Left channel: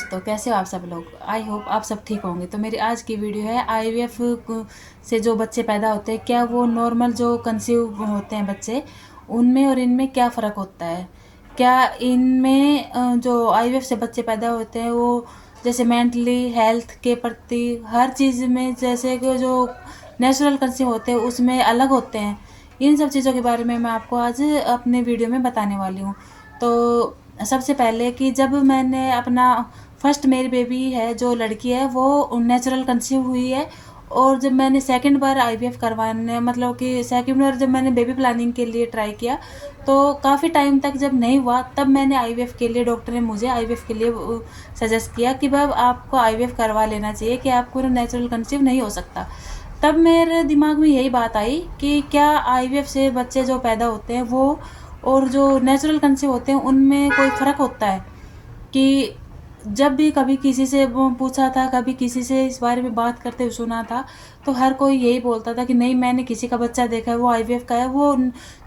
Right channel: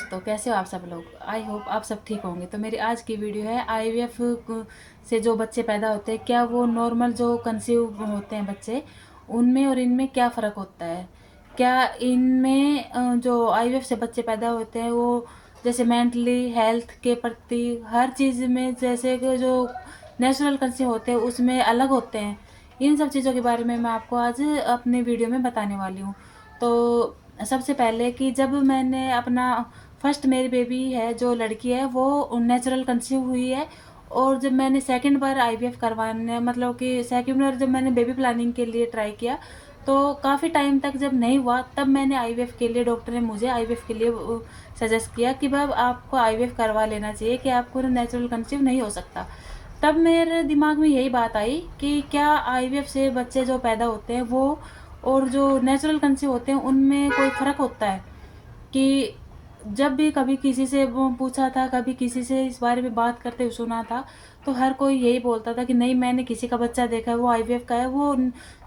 दोस्तों, कैसे हो आप सब लोग। आई होप आप सब ठीक होंगे। तो मेरी आज की वीडियो है आईवीएफ से जो बच्चे पैदा होते हैं, क्या वो नॉर्मल जो कंसीव होते हैं बच्चे, उनमें और इनमें क्या फ़र्क होता है। क्या इनमें जो आईवीएफ से बच्चे पैदा होते हैं वो जैसे मेंटली हेल्थ के प्रति हर चीज़ में, जैसे कि जो नेचुरल कंसीव होते हैं उसमें अलग होते हैं। इन सब चीज़ों के बारे में मैं आपको आज अपने वीडियो में बताने वाली हूँ। तो सबसे पहले कि जब मैंने अपना फर्स्ट मेरी बेबी है जो लड़की है वो नेचुरल कंसीव हुई है। और जब मैंने सेकंड बार आईवीएफ करवाने, मतलब कि सेकंड बार जब मैंने बेबी प्लानिंग के लिए ट्राई किया, तो काफ़ी टाइम तक जब नहीं हुआ, तब मैंने आईवीएफ के लिए, डॉक्टर ने मुझे आईवीएफ के लिए सजेस्ट किया कि भाई आपको आईवीएफ करवा लेना चाहिए, कि आपको नेचुरल कंसीव नहीं हो सकता। तब मेरे दिमाग में यही बात आई कि क्या आईवीएफ से बच्चे जो पैदा होते हैं वो और जो नेचुरल कंसीव होते हैं उनमें कोई फ़र्क होता है। कि जब भी कभी किसी से वो पूछा था, कभी किसी से इस बारे में बात करते हुए सुना था, तो हर कोई यही बोलता था कि नहीं, मैंने किसी का बच्चा देखा है वो आईवीएफ का है, वो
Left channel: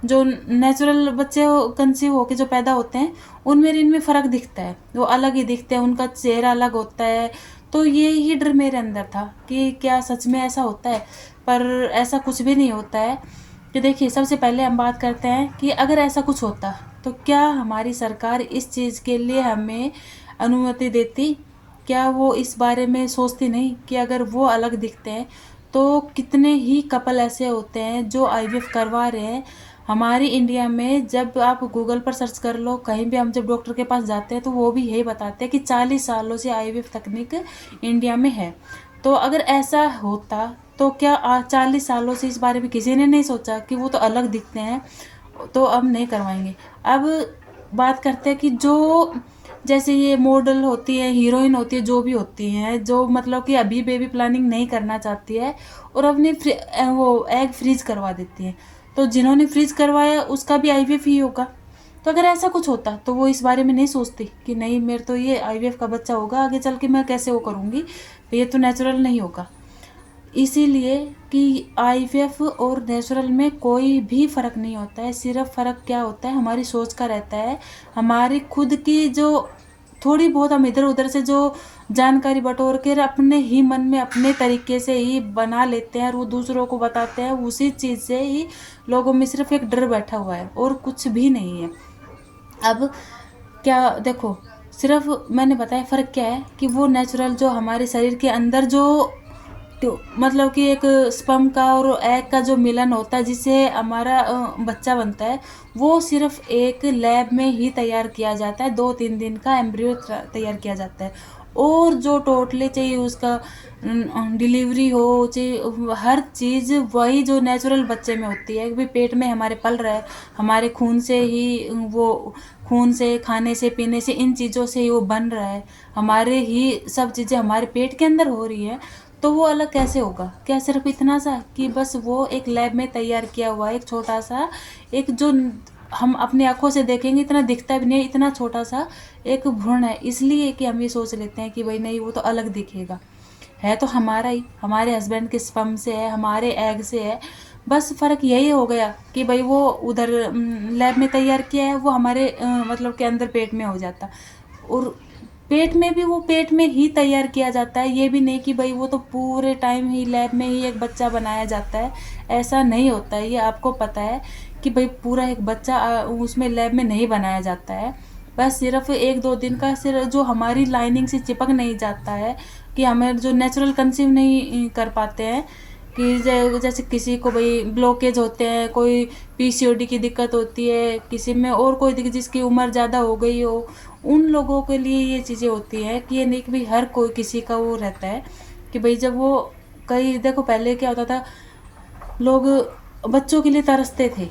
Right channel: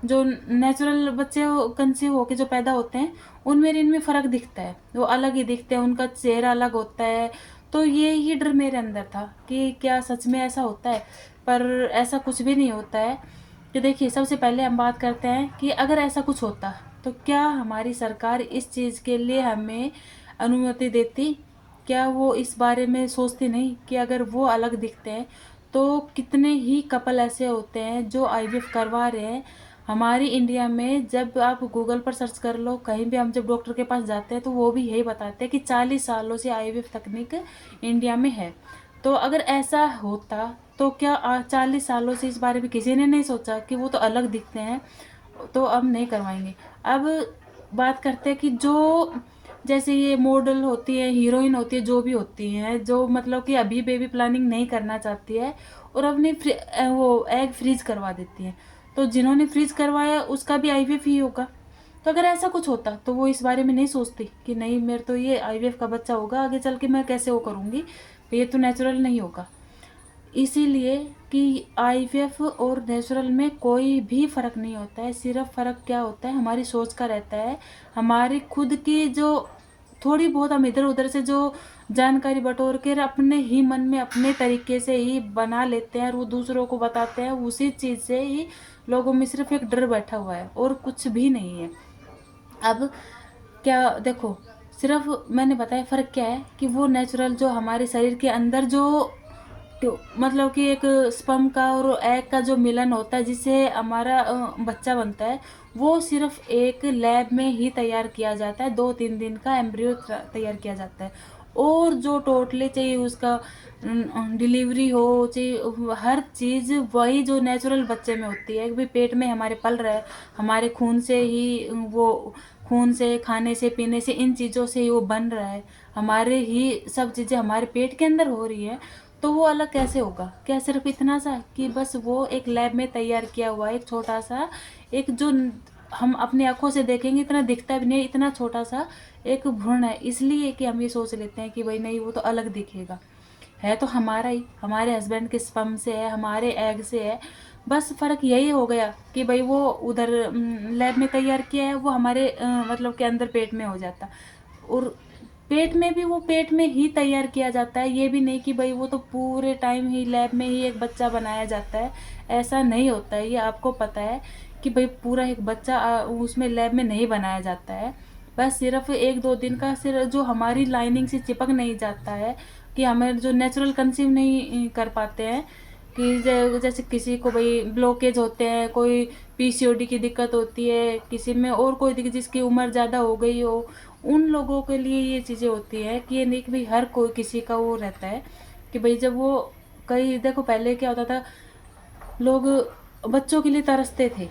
जो नेचुरल बच्चे कंसीव होके जो पैदा होते हैं उनमें इनमें फ़र्क दिखता है, वो अलग ही दिखते हैं, उनका चेहरा अलग होता है। तो ये ही डर मेरे अंदर था कि क्या सच में ऐसा होता है। पर ऐसा कुछ भी नहीं होता है। कि देखिए, सबसे पहले हम बात करते हैं कि अगर ऐसा कुछ होता तो क्या हमारी सरकार इस चीज़ के लिए हमें अनुमति देती। क्या वो इस बारे में सोचती नहीं कि अगर वो अलग दिखते हैं तो कितने ही कपल ऐसे होते हैं जो आईवीएफ करवा रहे हैं। हमारी इंडिया में जब आप गूगल पर सर्च कर लो, कहीं भी हम जब डॉक्टर के पास जाते हैं तो वो भी यही बताते हैं कि 40 सालों से आईवीएफ तकनीक इंडिया में है। तो अगर ऐसा होता तो क्या 40 सालों से इस बारे में किसी ने नहीं सोचा कि वो तो अलग दिखते हैं, तो अब नहीं करवाएंगे। अब बात करते हैं कि जो जैसे ये मॉडल होती है, हीरोइन होती है, जो भी होती हैं, जो मतलब कि अभी बेबी प्लानिंग नहीं करना चाहती है और अपनी वो एग फ्रीज करवा देती है, तो जिन्होंने फ्रीज करवाया उसका भी आईवीएफ ही होगा। तो अगर ऐसा कुछ होता तो वो इस बारे में नहीं सोचती कि नहीं, मेरे तो ये आईवीएफ का बच्चा होगा, आगे चल के मैं कैसे वो करूँगी, ये तो नेचुरल नहीं होगा। इसीलिए कि आईवीएफ और नेचुरल में कोई भी फ़र्क नहीं होता है। सिर्फ फ़र्क क्या होता है, हमारी सोच का रहता है। हमारी खुद की जो थोड़ी बहुत हम इधर उधर से जो जानकारी बटोर कर अपने ही मन में अपने तरीके से ही बना लेते हैं और वो दूसरों को बताते हैं, उसी चीज़ से ही लोगों में सिर्फ एक डर बैठा हुआ है और कुछ भी नहीं है। अब क्या देखो, सिर्फ मैंने बताया फ़र्क क्या है कि वो नेचुरल जो हमारे शरीर के अंदर जो, तो मतलब कि एक स्पर्म का और एग का जो मिलन होता है जिससे हमारा बच्चा बनता है, वो सिर्फ एक लैब में ही तैयार किया जाता है। 2-3 दिन का एम्ब्रियो तैयार किया जाता है। और जो टोटली चाहिए उसका डिलीवरी हो चाहिए, हर चीज़ वही जो नेचुरल बच्चे में होती है कि पेट में हमारे पल रहा है, हमारे खून से ही वो, खून से, खाने से, पीने से, इन चीज़ों से ही वो बन रहा है, हमारे ही सब चीज़ें हमारे पेट के अंदर हो रही हैं। तो वो अलग कैसे होगा। क्या सिर्फ इतना सा कि बस वो एक लैब में तैयार किया हुआ एक छोटा सा, एक जो हम अपनी आंखों से देखेंगे इतना दिखता भी नहीं, इतना छोटा सा एक भ्रूण है, इसलिए कि हम ये सोच लेते हैं कि भाई नहीं, वो तो अलग दिखेगा। है तो हमारा ही, हमारे हस्बैंड के स्पर्म से है, हमारे एग से है। बस फ़र्क यही हो गया कि भाई वो उधर लैब में तैयार किया है, वो हमारे मतलब के अंदर पेट में हो जाता। और पेट में भी वो पेट में ही तैयार किया जाता है, ये भी नहीं कि भाई वो तो पूरे टाइम ही लैब में ही एक बच्चा बनाया जाता है। ऐसा नहीं होता है, ये आपको पता है कि भाई पूरा एक बच्चा उसमें लैब में नहीं बनाया जाता है। बस सिर्फ 1-2 दिन का, सिर्फ जो हमारी लाइनिंग से चिपक नहीं जाता है, कि हमें जो नेचुरल कंसीव नहीं कर पाते हैं, कि जैसे किसी को भाई ब्लॉकेज होते हैं, कोई पीसीओडी की दिक्कत होती है किसी में, और कोई दिक्कत जिसकी उम्र ज़्यादा हो गई हो, उन लोगों के लिए ये चीज़ें होती हैं कि ये नहीं कि भाई हर कोई किसी का वो रहता है कि भाई जब वो, कई देखो पहले क्या होता था, लोग बच्चों के लिए तरसते थे।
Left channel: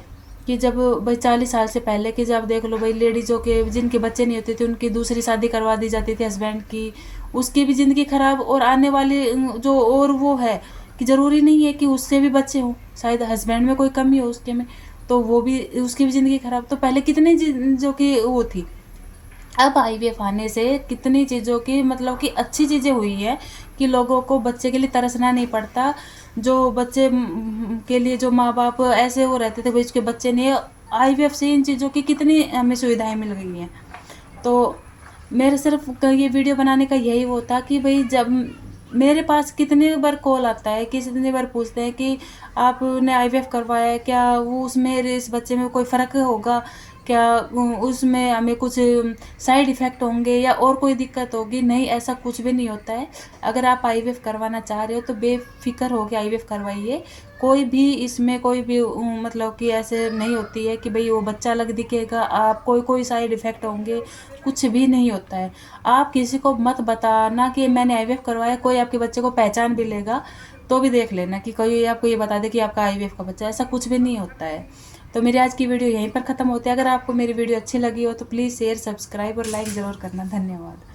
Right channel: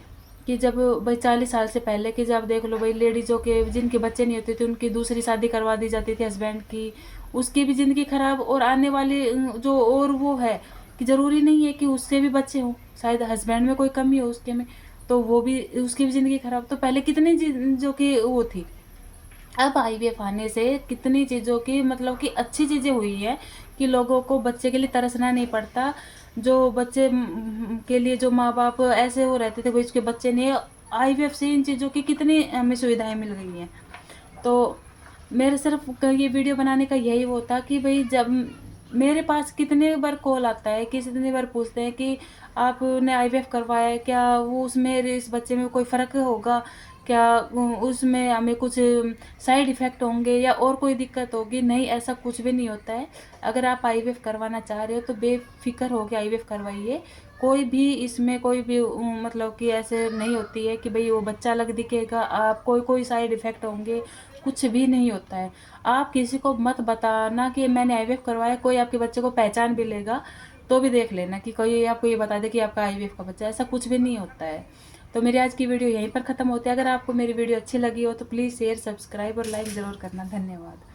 कि जब भाई 40 साल से पहले की जब देख लो भाई, लेडीज़ों के जिनके बच्चे नहीं होते थे उनकी दूसरी शादी करवा दी जाती थी हस्बैंड की, उसकी भी ज़िंदगी ख़राब, और आने वाली जो और वो है कि ज़रूरी नहीं है कि उससे भी बच्चे हों, शायद हस्बैंड में कोई कमी हो उसके में, तो वो भी, उसकी भी ज़िंदगी ख़राब। तो पहले कितनी चीज़ों की वो थी। अब आईवीएफ आने से कितनी चीज़ों की, मतलब कि अच्छी चीज़ें हुई हैं कि लोगों को बच्चे के लिए तरसना नहीं पड़ता। जो बच्चे के लिए जो माँ बाप ऐसे वो रहते थे भाई उसके बच्चे नहीं, आईवीएफ से इन चीज़ों की कितनी हमें सुविधाएं मिल गई हैं। तो मेरे सिर्फ ये वीडियो बनाने का यही वो था कि भाई जब मेरे पास कितने बार कॉल आता है, कितने बार पूछते हैं कि आपने आईवीएफ करवाया है क्या, वो उसमें इस बच्चे में कोई फ़र्क होगा क्या, उसमें हमें कुछ साइड इफ़ेक्ट होंगे या और कोई दिक्कत होगी। नहीं, ऐसा कुछ भी नहीं होता है। अगर आप आईवीएफ करवाना चाह रहे हो तो बेफिक्र होकर आईवीएफ करवाइए। कोई भी इसमें कोई भी मतलब कि ऐसे नहीं होती है कि भाई वो बच्चा अलग दिखेगा, आप कोई साइड इफ़ेक्ट होंगे, कुछ भी नहीं होता है। आप किसी को मत बताना कि मैंने आईवीएफ करवाया, कोई आपके बच्चे को पहचान भी लेगा तो भी देख लेना कि कोई आपको ये बता दे कि आपका आईवीएफ का बच्चा है, ऐसा कुछ भी नहीं होता है। तो मेरी आज की वीडियो यहीं पर ख़त्म होती है। अगर आपको मेरी वीडियो अच्छी लगी हो तो प्लीज़ शेयर, सब्सक्राइब और लाइक ज़रूर करना। धन्यवाद।